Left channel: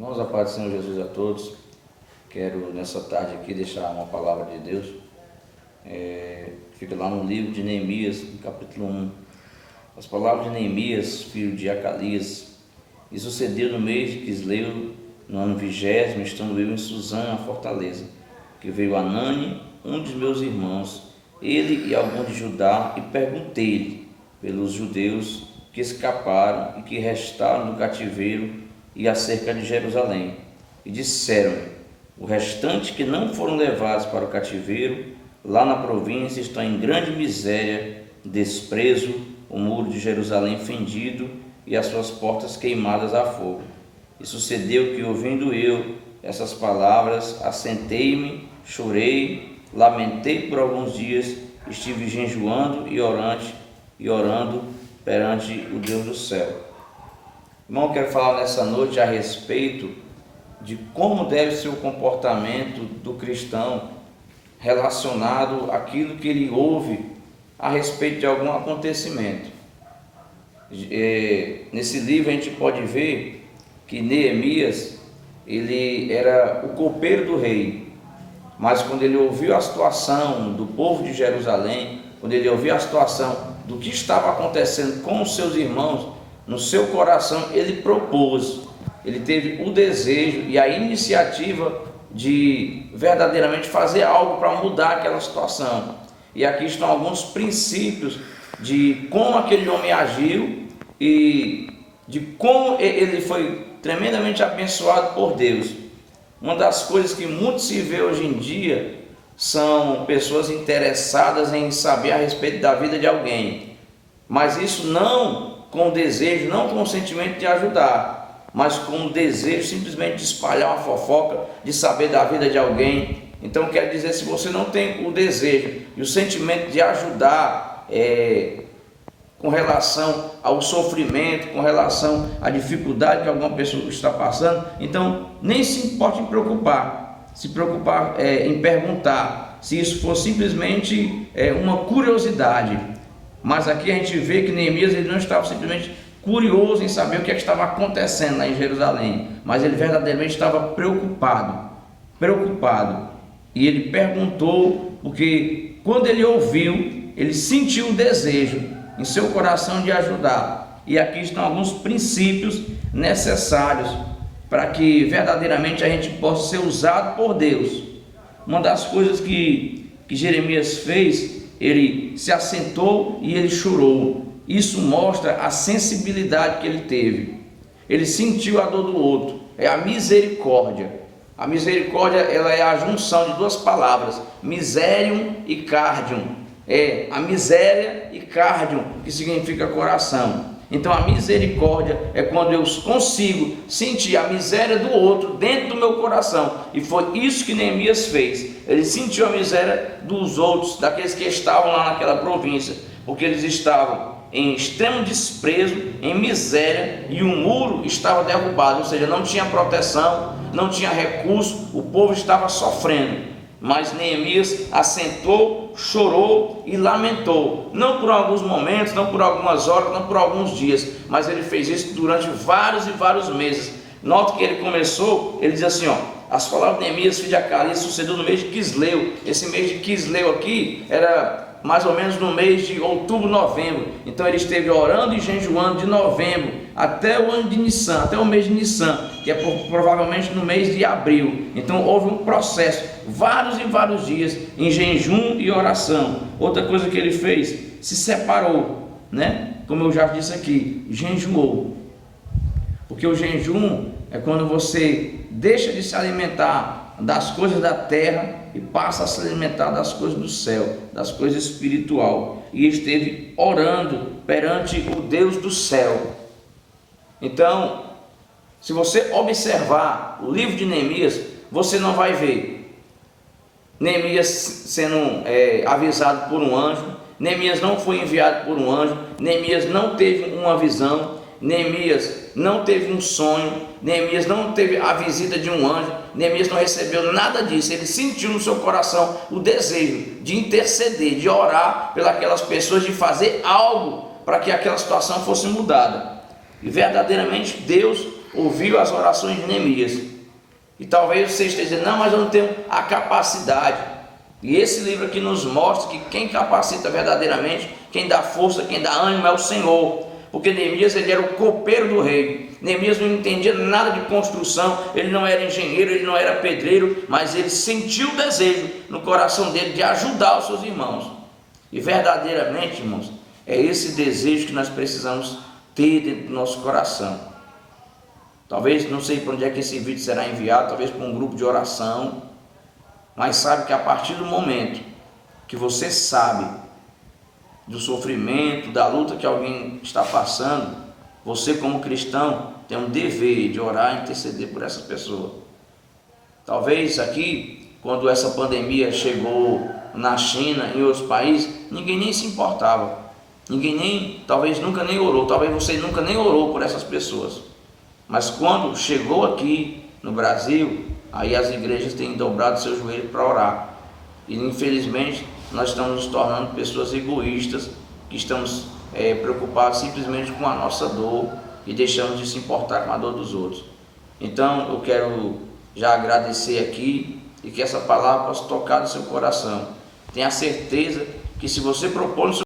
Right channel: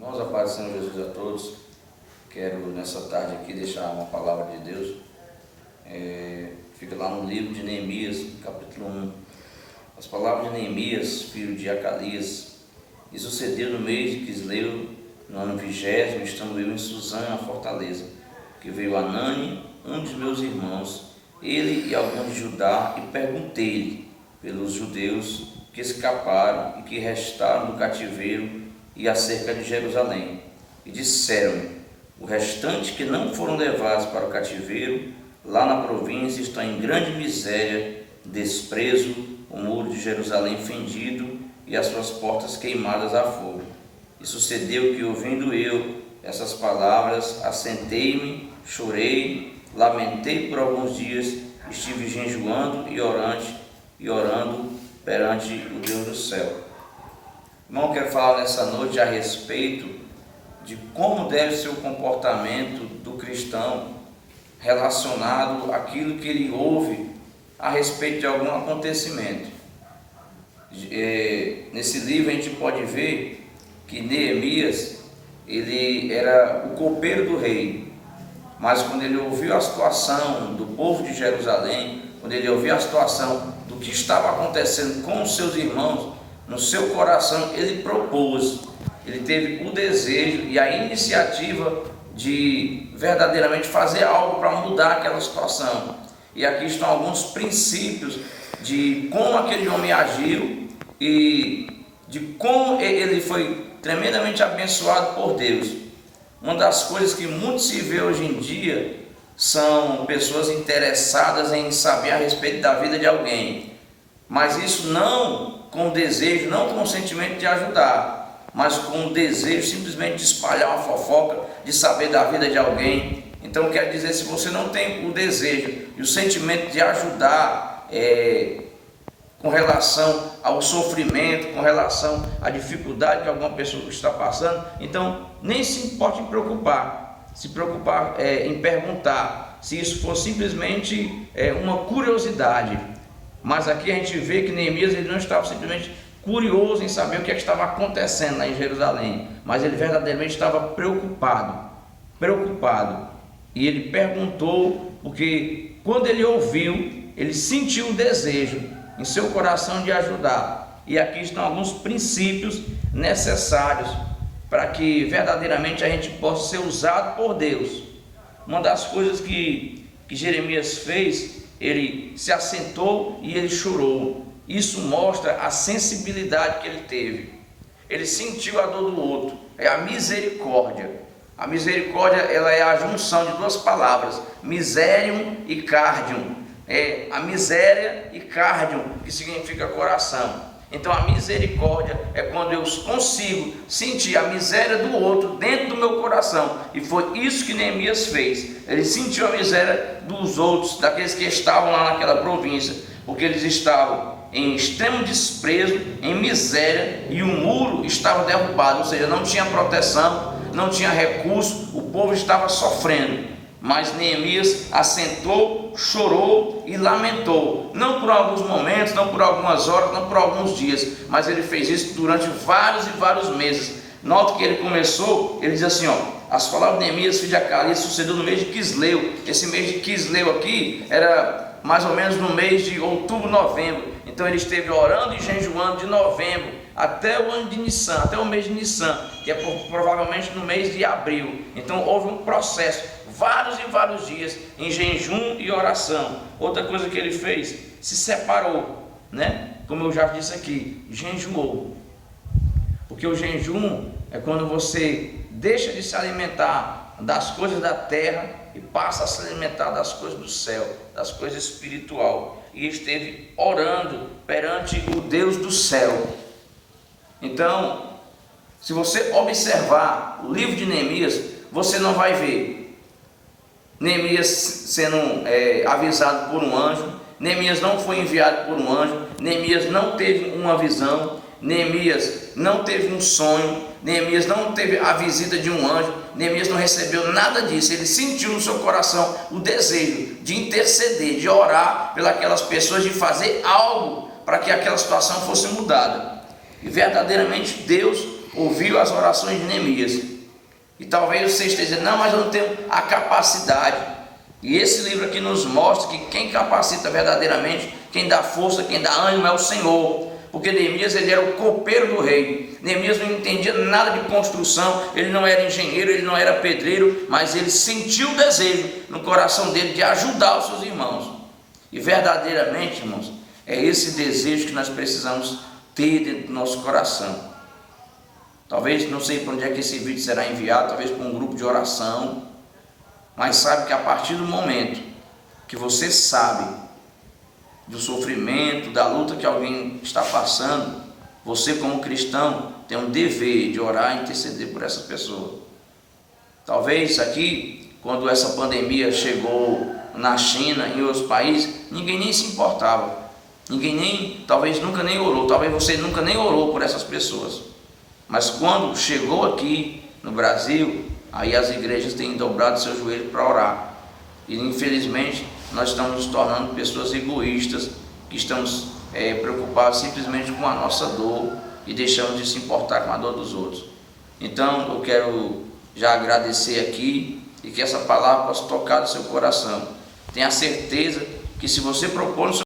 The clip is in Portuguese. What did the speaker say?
Irmãos, a paz do Senhor Jesus a todos. Quero nessa tarde aqui deixar uma palavra de Deus. Fica lá no livro de Neemias, no capítulo 1. As palavras de Neemias, filho de Acalias. E sucedeu no mês de Quisleu, no ano 20º, estando eu em Suzã, a fortaleza, que veio Anani, um dos meus irmãos, ele e alguns de Judá, e perguntei-lhe pelos judeus que escaparam e que restaram do cativeiro e acerca de Jerusalém. E disseram-me: o restante que não foram levados para o cativeiro, lá na província, está em grande miséria, desprezo, o muro de Jerusalém fendido e as suas portas queimadas a fogo. E sucedeu que, ouvindo eu essas palavras, assentei-me, chorei, lamentei por alguns dias, estive jejuando e orando perante o Deus do céu. Irmão, quero falar nessa noite a respeito de como deve ser o comportamento do cristão relacionado àquilo que ele ouve a respeito de algum acontecimento. Nesse livro a gente pode ver que Neemias, ele era o copeiro do rei, mas quando ele ouviu a situação do povo de Jerusalém, quando ele ouviu a situação do que estava acontecendo com os seus irmãos, no seu coração ele propôs, ele teve o desejo e a iniciativa de verdadeiramente fazer algo para mudar aquela situação. E aqui estão alguns princípios de como aquele homem agiu e de como ele foi tremendamente abençoado por Deus. Uma das coisas que muito se vê hoje em dia são pessoas interessadas em saber a respeito da vida de alguém, mas isso não com o desejo, não com o sentimento de ajudar, mas com o desejo simplesmente de espalhar uma fofoca, de saber da vida de alguém. Então quer dizer, se você não tem o desejo e o sentimento de ajudar com relação ao sofrimento, com relação à dificuldade que alguma pessoa está passando, então nem se pode se preocupar em perguntar, se isso for simplesmente uma curiosidade. Mas aqui a gente vê que Neemias, ele não estava simplesmente curioso em saber o que estava acontecendo lá em Jerusalém, mas ele verdadeiramente estava preocupado, e ele perguntou, porque quando ele ouviu, ele sentiu o desejo em seu coração de ajudar. E aqui estão alguns princípios necessários para que verdadeiramente a gente possa ser usado por Deus. Uma das coisas que Jeremias fez, ele se assentou e ele chorou. Isso mostra a sensibilidade que ele teve. Ele sentiu a dor do outro, é a misericórdia. A misericórdia, ela é a junção de duas palavras, miserium e cardium. É a miséria e cardium, que significa coração. Então a misericórdia é quando eu consigo sentir a miséria do outro dentro do meu coração. E foi isso que Neemias fez. Ele sentiu a miséria dos outros, daqueles que estavam lá naquela província, porque eles estavam em extremo desprezo, em miséria, e o muro estava derrubado, ou seja, não tinha proteção, não tinha recurso, o povo estava sofrendo. Mas Neemias assentou, chorou e lamentou, não por alguns momentos, não por algumas horas, não por alguns dias, mas ele fez isso durante vários e vários meses. Note que ele começou, ele diz assim, as palavras de Neemias, filho de Acalias, sucedeu no mês de Quisleu. Esse mês de Quisleu aqui era mais ou menos no mês de outubro, novembro. Então ele esteve orando e jejuando de novembro até o ano de Nissan, até o mês de Nissan, que é provavelmente no mês de abril. Então houve um processo, vários e vários dias em jejum e oração. Outra coisa que ele fez, se separou, como eu já disse aqui, jejuou. Porque o jejum é quando você deixa de se alimentar das coisas da terra e passa a se alimentar das coisas do céu, das coisas espiritual. E esteve orando perante o Deus do céu. Então, se você observar o livro de Neemias, você não vai ver Neemias sendo avisado por um anjo. Neemias não foi enviado por um anjo. Neemias não teve uma visão. Neemias não teve um sonho. Neemias não teve a visita de um anjo. Neemias não recebeu nada disso. Ele sentiu no seu coração o desejo de interceder, de orar pelas pessoas, de fazer algo para que aquela situação fosse mudada. E verdadeiramente Deus ouviu as orações de Neemias. E talvez você esteja dizendo, não, mas eu não tenho a capacidade. E esse livro aqui nos mostra que quem capacita verdadeiramente, quem dá força, quem dá ânimo é o Senhor. Porque Neemias, ele era o copeiro do rei. Neemias não entendia nada de construção, ele não era engenheiro, ele não era pedreiro, mas ele sentiu o desejo no coração dele de ajudar os seus irmãos. E verdadeiramente, irmãos, é esse desejo que nós precisamos ter dentro do nosso coração. Talvez, não sei para onde é que esse vídeo será enviado, talvez para um grupo de oração, mas sabe que a partir do momento que você sabe do sofrimento, da luta que alguém está passando, você como cristão tem um dever de orar e interceder por essa pessoa. Talvez aqui, quando essa pandemia chegou na China, em outros países, ninguém nem se importava, talvez nunca nem orou, talvez você nunca nem orou por essas pessoas, mas quando chegou aqui no Brasil, aí as igrejas têm dobrado seus joelhos para orar, e infelizmente nós estamos nos tornando pessoas egoístas, que estamos preocupados simplesmente com a nossa dor e deixamos de se importar com a dor dos outros. Então eu quero já agradecer aqui e que essa palavra possa tocar no seu coração. Tenha certeza que se você propor no seu